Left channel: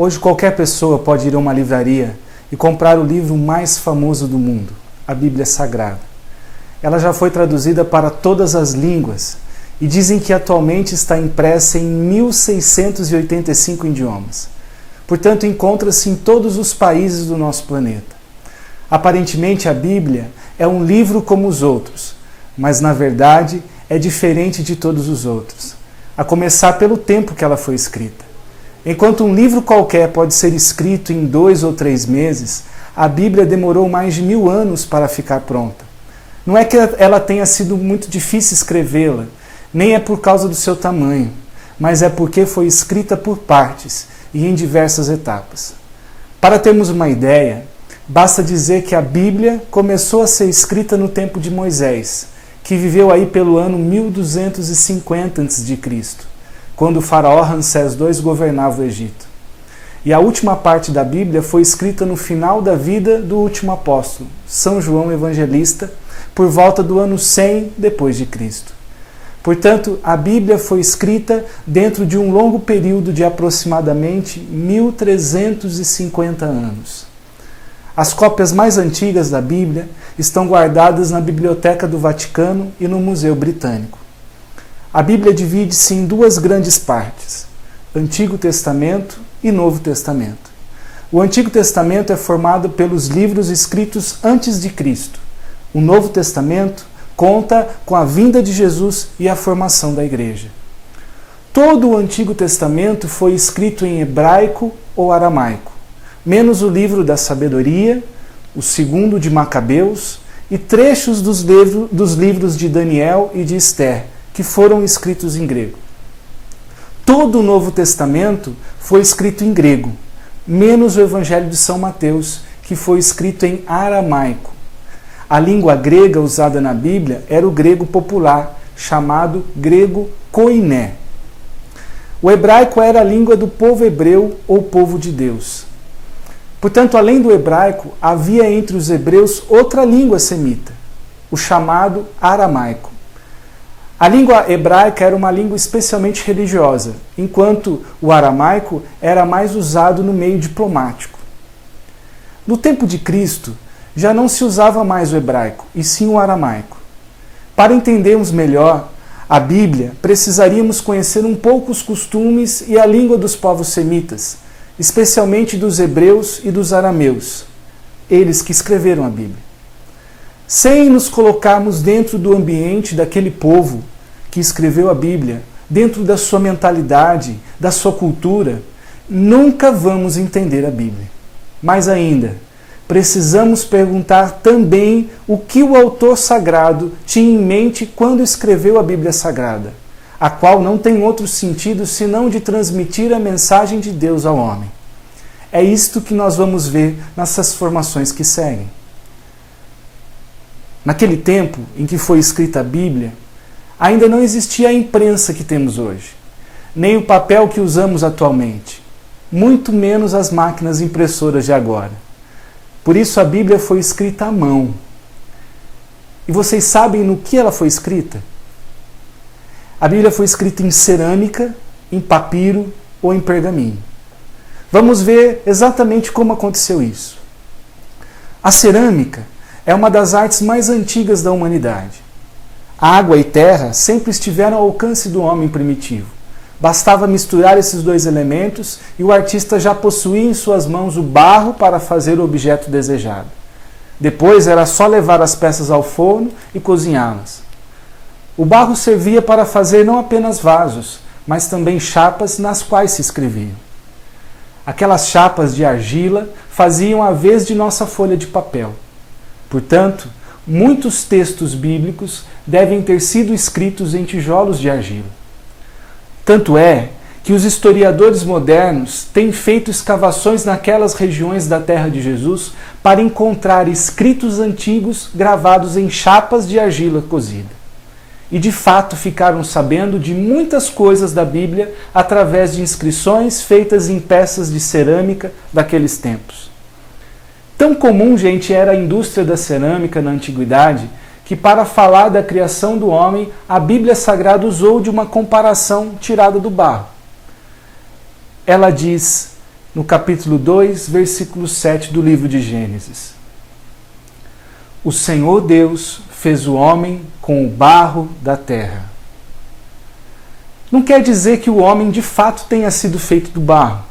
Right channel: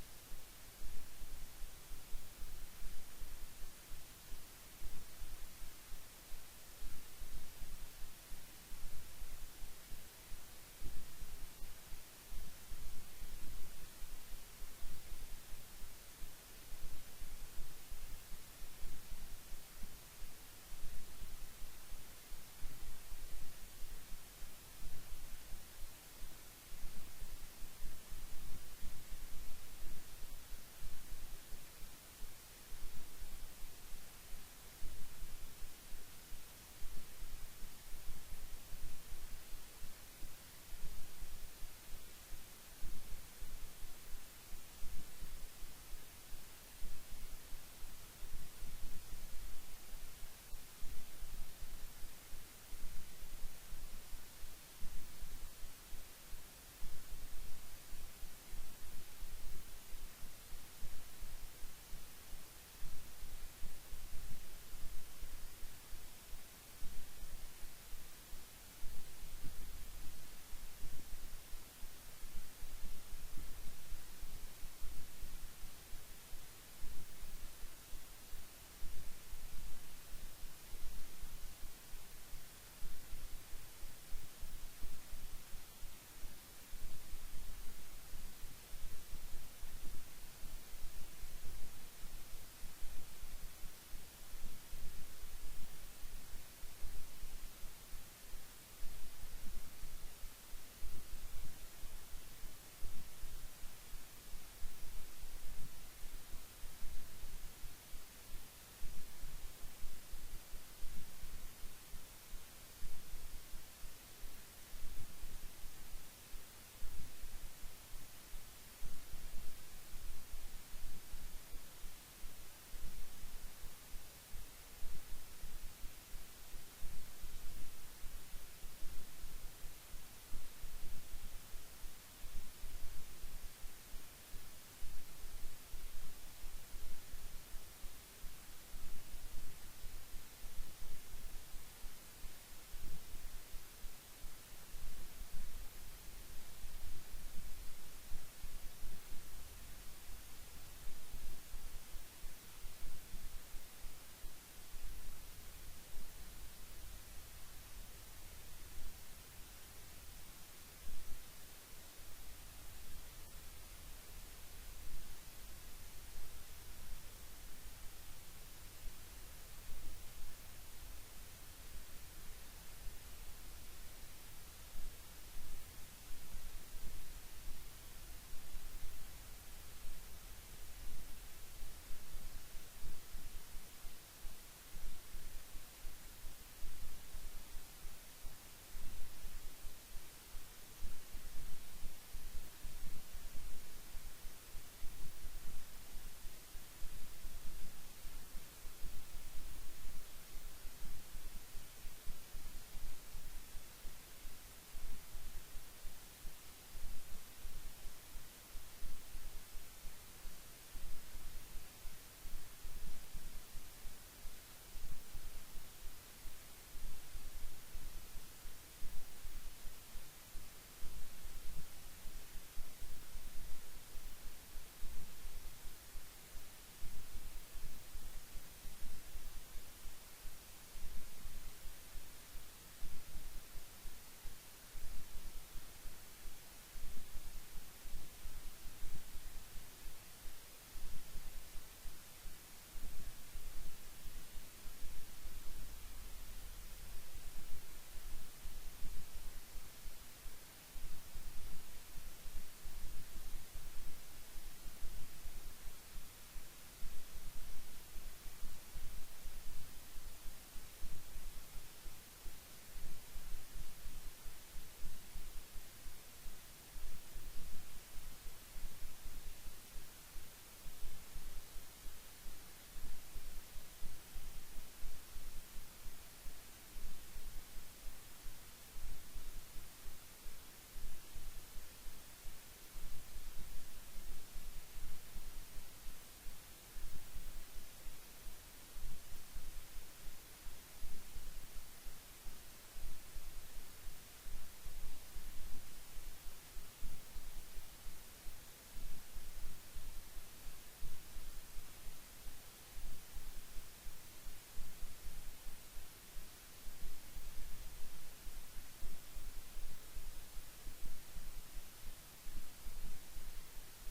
Hoje qualquer pessoa pode ir a uma livraria e comprar o livro mais famoso do mundo, a Bíblia Sagrada. Ela já foi traduzida para todas as línguas e dizem que atualmente está impressa em 1685 idiomas. Portanto, encontra-se em todos os países do nosso planeta. Aparentemente, a Bíblia é um livro como os outros, mas na verdade é diferente de todos os outros, a começar pelo tempo que ela foi escrita. Enquanto um livro qualquer pode ser escrito em 2 ou 3 meses, a Bíblia demorou mais de 1000 anos para ficar pronta. Não é que ela tenha sido muito difícil escrevê-la, nem é por causa do seu tamanho, mas é porque foi escrita por partes e em diversas etapas. Para termos uma ideia, basta dizer que a Bíblia começou a ser escrita no tempo de Moisés, que viveu aí pelo ano 1250 a.C., quando o faraó Ramsés II governava o Egito. E a última parte da Bíblia foi escrita no final da vida do último apóstolo, São João Evangelista, por volta do ano 100 depois de Cristo. Portanto, a Bíblia foi escrita dentro de um longo período de aproximadamente 1350 anos. As cópias mais antigas da Bíblia estão guardadas na Biblioteca do Vaticano e no Museu Britânico. A Bíblia divide-se em 2 grandes partes, Antigo Testamento e Novo Testamento. O Antigo Testamento é formado pelos livros escritos antes de Cristo. O Novo Testamento conta com a vinda de Jesus e a formação da Igreja. Todo o Antigo Testamento foi escrito em hebraico ou aramaico, menos o livro da sabedoria, o segundo de Macabeus e trechos dos livros de Daniel e de Esther, que foram escritos em grego. Todo o Novo Testamento foi escrito em grego, menos o Evangelho de São Mateus, que foi escrito em aramaico. A língua grega usada na Bíblia era o grego popular, chamado grego koiné. O hebraico era a língua do povo hebreu ou povo de Deus. Portanto, além do hebraico, havia entre os hebreus outra língua semita, o chamado aramaico. A língua hebraica era uma língua especialmente religiosa, enquanto o aramaico era mais usado no meio diplomático. No tempo de Cristo, já não se usava mais o hebraico, e sim o aramaico. Para entendermos melhor a Bíblia, precisaríamos conhecer um pouco os costumes e a língua dos povos semitas, especialmente dos hebreus e dos arameus, eles que escreveram a Bíblia. Sem nos colocarmos dentro do ambiente daquele povo que escreveu a Bíblia, dentro da sua mentalidade, da sua cultura, nunca vamos entender a Bíblia. Mais ainda, precisamos perguntar também o que o autor sagrado tinha em mente quando escreveu a Bíblia Sagrada, a qual não tem outro sentido senão de transmitir a mensagem de Deus ao homem. É isto que nós vamos ver nessas formações que seguem. Naquele tempo em que foi escrita a Bíblia, ainda não existia a imprensa que temos hoje, nem o papel que usamos atualmente, muito menos as máquinas impressoras de agora. Por isso a Bíblia foi escrita à mão. E vocês sabem no que ela foi escrita? A Bíblia foi escrita em cerâmica, em papiro ou em pergaminho. Vamos ver exatamente como aconteceu isso. A cerâmica é uma das artes mais antigas da humanidade. Água e terra sempre estiveram ao alcance do homem primitivo. Bastava misturar esses 2 elementos e o artista já possuía em suas mãos o barro para fazer o objeto desejado. Depois era só levar as peças ao forno e cozinhá-las. O barro servia para fazer não apenas vasos, mas também chapas nas quais se escrevia. Aquelas chapas de argila faziam a vez de nossa folha de papel. Portanto, muitos textos bíblicos devem ter sido escritos em tijolos de argila. Tanto é que os historiadores modernos têm feito escavações naquelas regiões da terra de Jesus para encontrar escritos antigos gravados em chapas de argila cozida. E de fato ficaram sabendo de muitas coisas da Bíblia através de inscrições feitas em peças de cerâmica daqueles tempos. Tão comum, gente, era a indústria da cerâmica na antiguidade, que para falar da criação do homem, a Bíblia Sagrada usou de uma comparação tirada do barro. Ela diz no capítulo 2, versículo 7 do livro de Gênesis. O Senhor Deus fez o homem com o barro da terra. Não quer dizer que o homem de fato tenha sido feito do barro.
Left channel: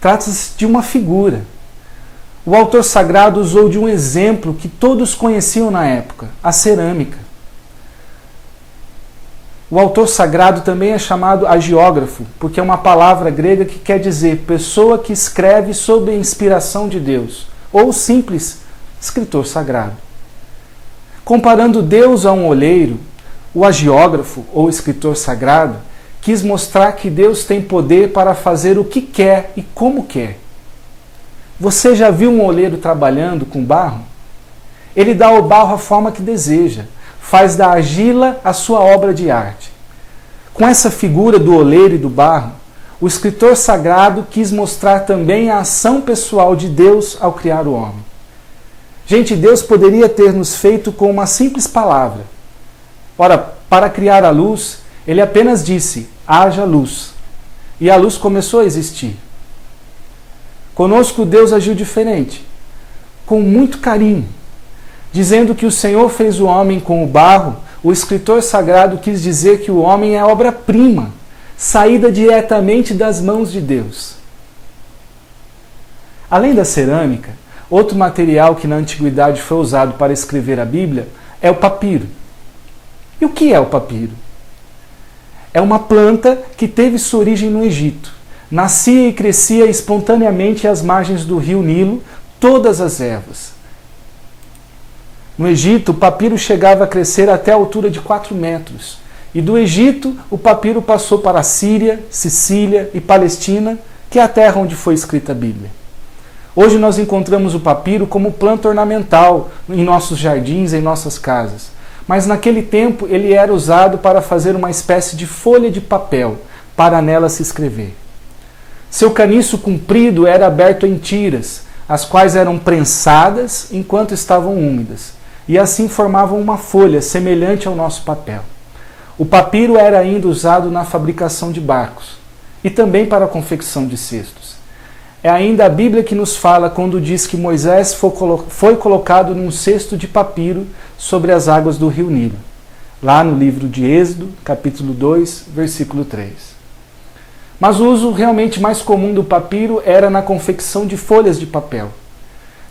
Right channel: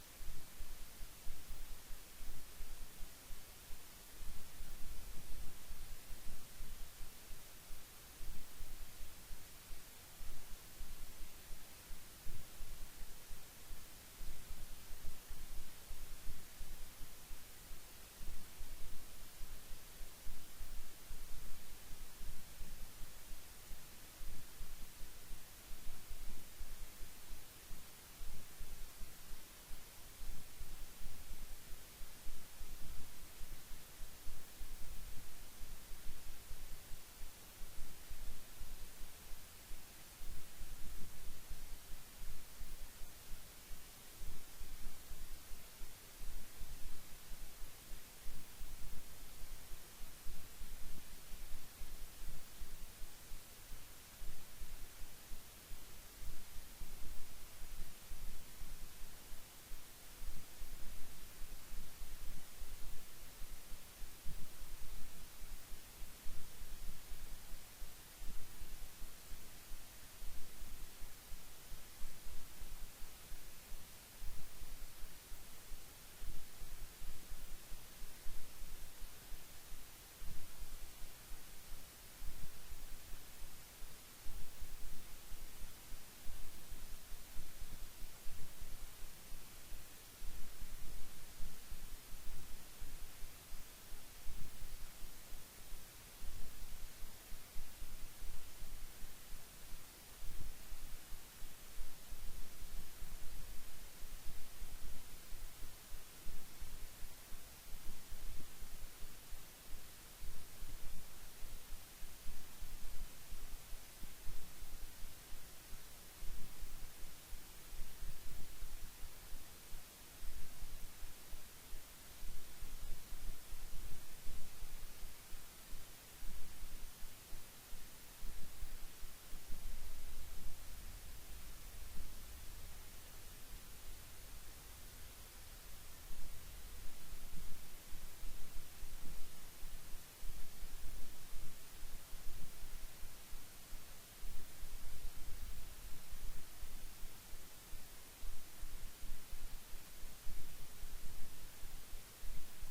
Trata-se de uma figura. O autor sagrado usou de um exemplo que todos conheciam na época, a cerâmica. O autor sagrado também é chamado agiógrafo, porque é uma palavra grega que quer dizer pessoa que escreve sob a inspiração de Deus, ou simples escritor sagrado. Comparando Deus a um olheiro, o agiógrafo, ou escritor sagrado, quis mostrar que Deus tem poder para fazer o que quer e como quer. Você já viu um oleiro trabalhando com barro? Ele dá ao barro a forma que deseja, faz da argila a sua obra de arte. Com essa figura do oleiro e do barro, o escritor sagrado quis mostrar também a ação pessoal de Deus ao criar o homem. Gente, Deus poderia ter nos feito com uma simples palavra. Ora, para criar a luz, ele apenas disse, haja luz. E a luz começou a existir. Conosco Deus agiu diferente, com muito carinho. Dizendo que o Senhor fez o homem com o barro, o escritor sagrado quis dizer que o homem é obra-prima, saída diretamente das mãos de Deus. Além da cerâmica, outro material que na antiguidade foi usado para escrever a Bíblia é o papiro. E o que é o papiro? É uma planta que teve sua origem no Egito. Nascia e crescia espontaneamente às margens do rio Nilo todas as ervas. No Egito, o papiro chegava a crescer até a altura de 4 metros. E do Egito, o papiro passou para a Síria, Sicília e Palestina, que é a terra onde foi escrita a Bíblia. Hoje nós encontramos o papiro como planta ornamental em nossos jardins, em nossas casas. Mas naquele tempo ele era usado para fazer uma espécie de folha de papel, para nela se escrever. Seu caniço comprido era aberto em tiras, as quais eram prensadas enquanto estavam úmidas, e assim formavam uma folha semelhante ao nosso papel. O papiro era ainda usado na fabricação de barcos, e também para a confecção de cestos. É ainda a Bíblia que nos fala quando diz que Moisés foi colocado num cesto de papiro sobre as águas do rio Nilo, lá no livro de Êxodo, capítulo 2, versículo 3. Mas o uso realmente mais comum do papiro era na confecção de folhas de papel.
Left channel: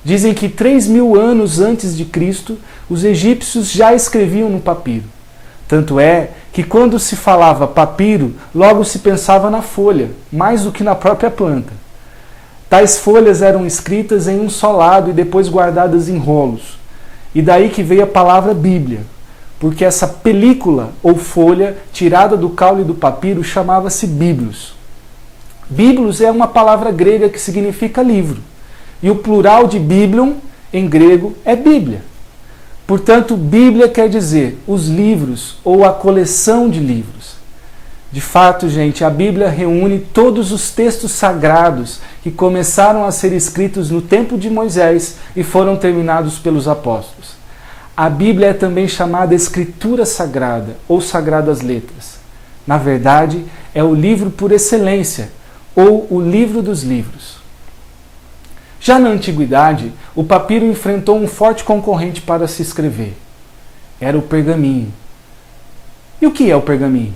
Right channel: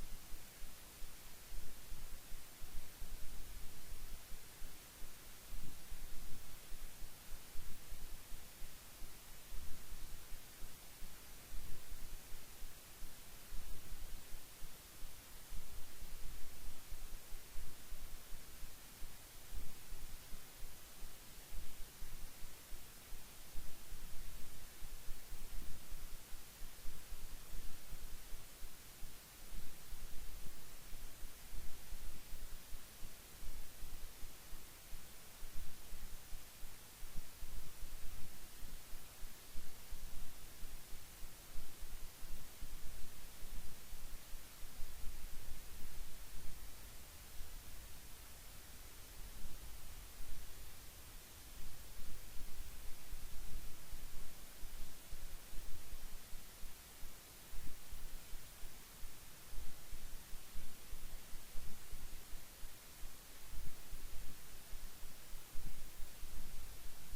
Dizem que 3.000 anos antes de Cristo, os egípcios já escreviam no papiro. Tanto é que quando se falava papiro, logo se pensava na folha, mais do que na própria planta. Tais folhas eram escritas em um só lado e depois guardadas em rolos. E daí que veio a palavra Bíblia, porque essa película ou folha tirada do caule do papiro chamava-se biblos. Biblos é uma palavra grega que significa livro, e o plural de biblion, em grego, é Bíblia. Portanto, Bíblia quer dizer os livros ou a coleção de livros. De fato, gente, a Bíblia reúne todos os textos sagrados que começaram a ser escritos no tempo de Moisés e foram terminados pelos apóstolos. A Bíblia é também chamada Escritura Sagrada ou Sagradas Letras. Na verdade, é o livro por excelência, ou o livro dos livros. Já na antiguidade, o papiro enfrentou um forte concorrente para se escrever. Era o pergaminho. E o que é o pergaminho?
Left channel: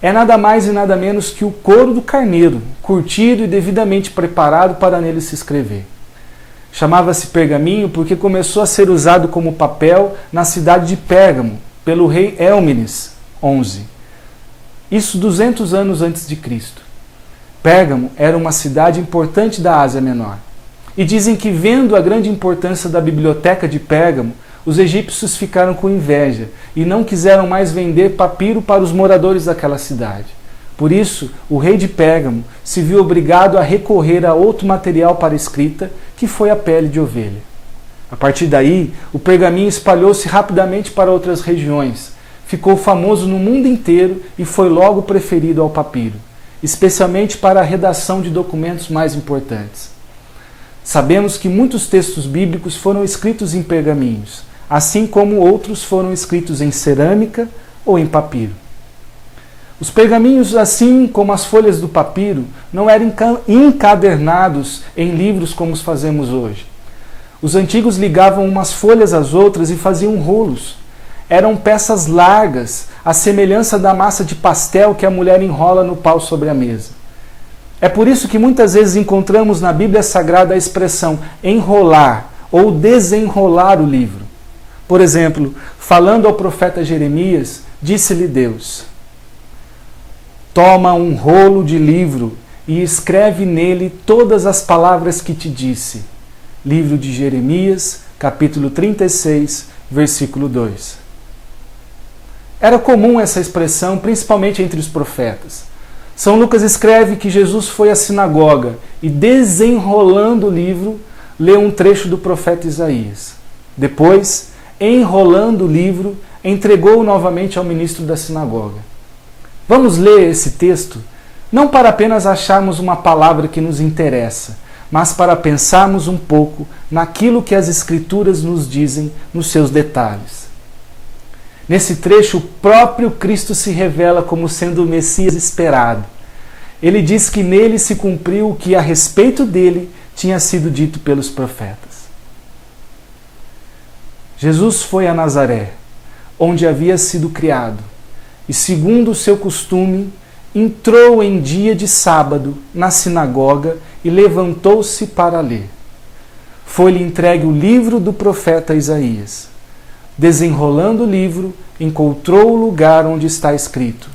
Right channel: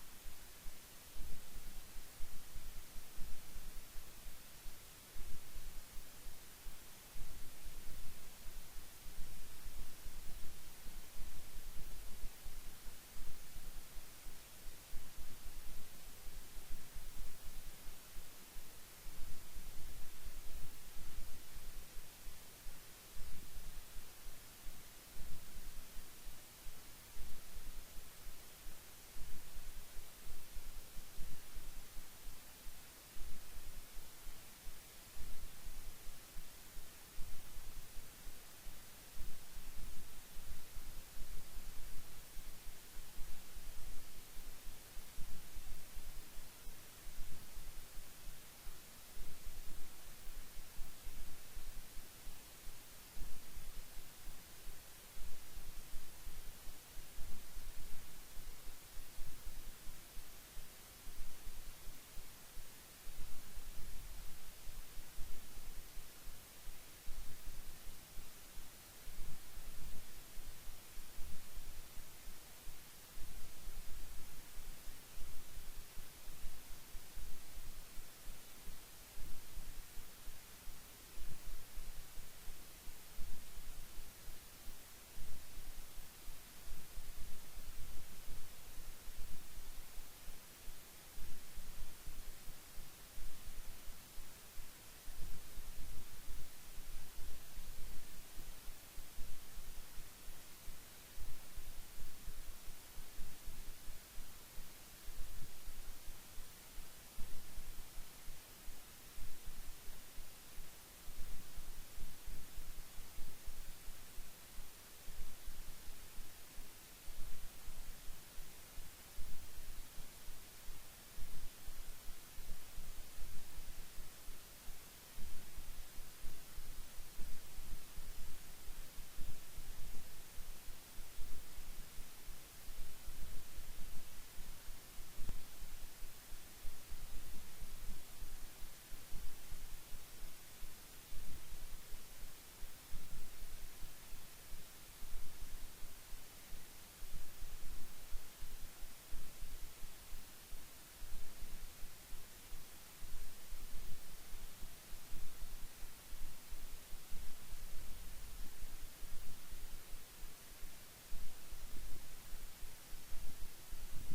É nada mais e nada menos que o couro do carneiro, curtido e devidamente preparado para nele se escrever. Chamava-se pergaminho porque começou a ser usado como papel na cidade de Pérgamo, pelo rei Elmenes XI. Isso 200 anos antes de Cristo. Pérgamo era uma cidade importante da Ásia Menor. E dizem que, vendo a grande importância da biblioteca de Pérgamo, os egípcios ficaram com inveja e não quiseram mais vender papiro para os moradores daquela cidade. Por isso, o rei de Pérgamo se viu obrigado a recorrer a outro material para escrita, que foi a pele de ovelha. A partir daí, o pergaminho espalhou-se rapidamente para outras regiões, ficou famoso no mundo inteiro e foi logo preferido ao papiro, especialmente para a redação de documentos mais importantes. Sabemos que muitos textos bíblicos foram escritos em pergaminhos, assim como outros foram escritos em cerâmica ou em papiro. Os pergaminhos, assim como as folhas do papiro, não eram encadernados em livros como os fazemos hoje. Os antigos ligavam umas folhas às outras e faziam rolos. Eram peças largas, à semelhança da massa de pastel que a mulher enrola no pau sobre a mesa. É por isso que muitas vezes encontramos na Bíblia Sagrada a expressão enrolar ou desenrolar o livro. Por exemplo, falando ao profeta Jeremias, disse-lhe Deus: toma um rolo de livro e escreve nele todas as palavras que te disse. Livro de Jeremias, capítulo 36, versículo 2. Era comum essa expressão, principalmente entre os profetas. São Lucas escreve que Jesus foi à sinagoga e, desenrolando o livro, leu um trecho do profeta Isaías. Depois, enrolando o livro, entregou-o novamente ao ministro da sinagoga. Vamos ler esse texto, não para apenas acharmos uma palavra que nos interessa, mas para pensarmos um pouco naquilo que as Escrituras nos dizem nos seus detalhes. Nesse trecho, o próprio Cristo se revela como sendo o Messias esperado. Ele diz que nele se cumpriu o que a respeito dele tinha sido dito pelos profetas. Jesus foi a Nazaré, onde havia sido criado, e, segundo o seu costume, entrou em dia de sábado na sinagoga e levantou-se para ler. Foi-lhe entregue o livro do profeta Isaías. Desenrolando o livro, encontrou o lugar onde está escrito:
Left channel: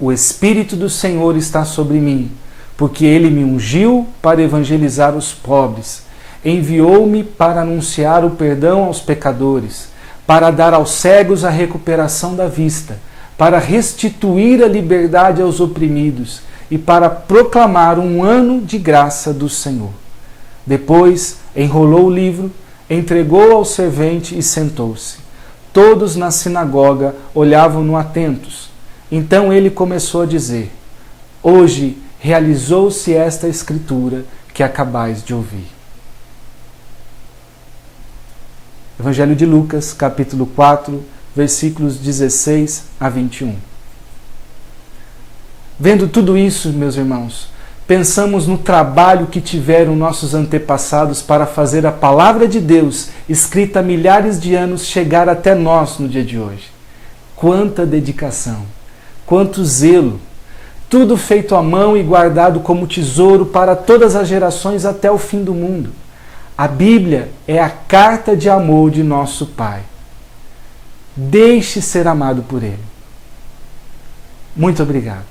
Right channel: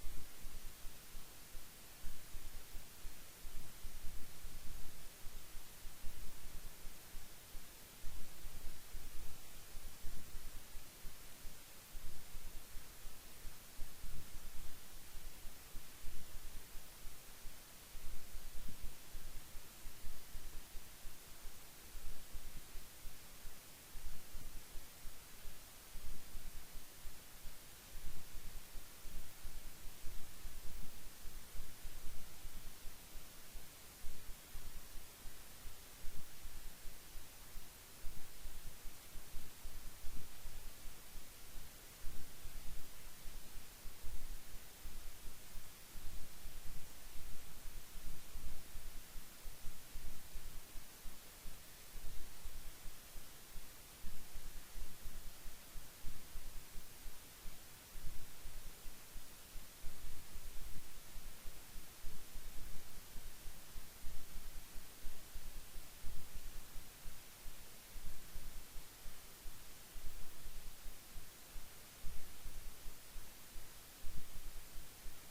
o Espírito do Senhor está sobre mim, porque ele me ungiu para evangelizar os pobres, enviou-me para anunciar o perdão aos pecadores, para dar aos cegos a recuperação da vista, para restituir a liberdade aos oprimidos e para proclamar um ano de graça do Senhor. Depois enrolou o livro, entregou ao servente e sentou-se. Todos na sinagoga olhavam-no atentos. Então ele começou a dizer: hoje realizou-se esta escritura que acabais de ouvir. Evangelho de Lucas, capítulo 4, versículos 16 a 21. Vendo tudo isso, meus irmãos, pensamos no trabalho que tiveram nossos antepassados para fazer a palavra de Deus, escrita há milhares de anos, chegar até nós no dia de hoje. Quanta dedicação, quanto zelo, tudo feito à mão e guardado como tesouro para todas as gerações até o fim do mundo. A Bíblia é a carta de amor de nosso Pai. Deixe ser amado por Ele. Muito obrigado.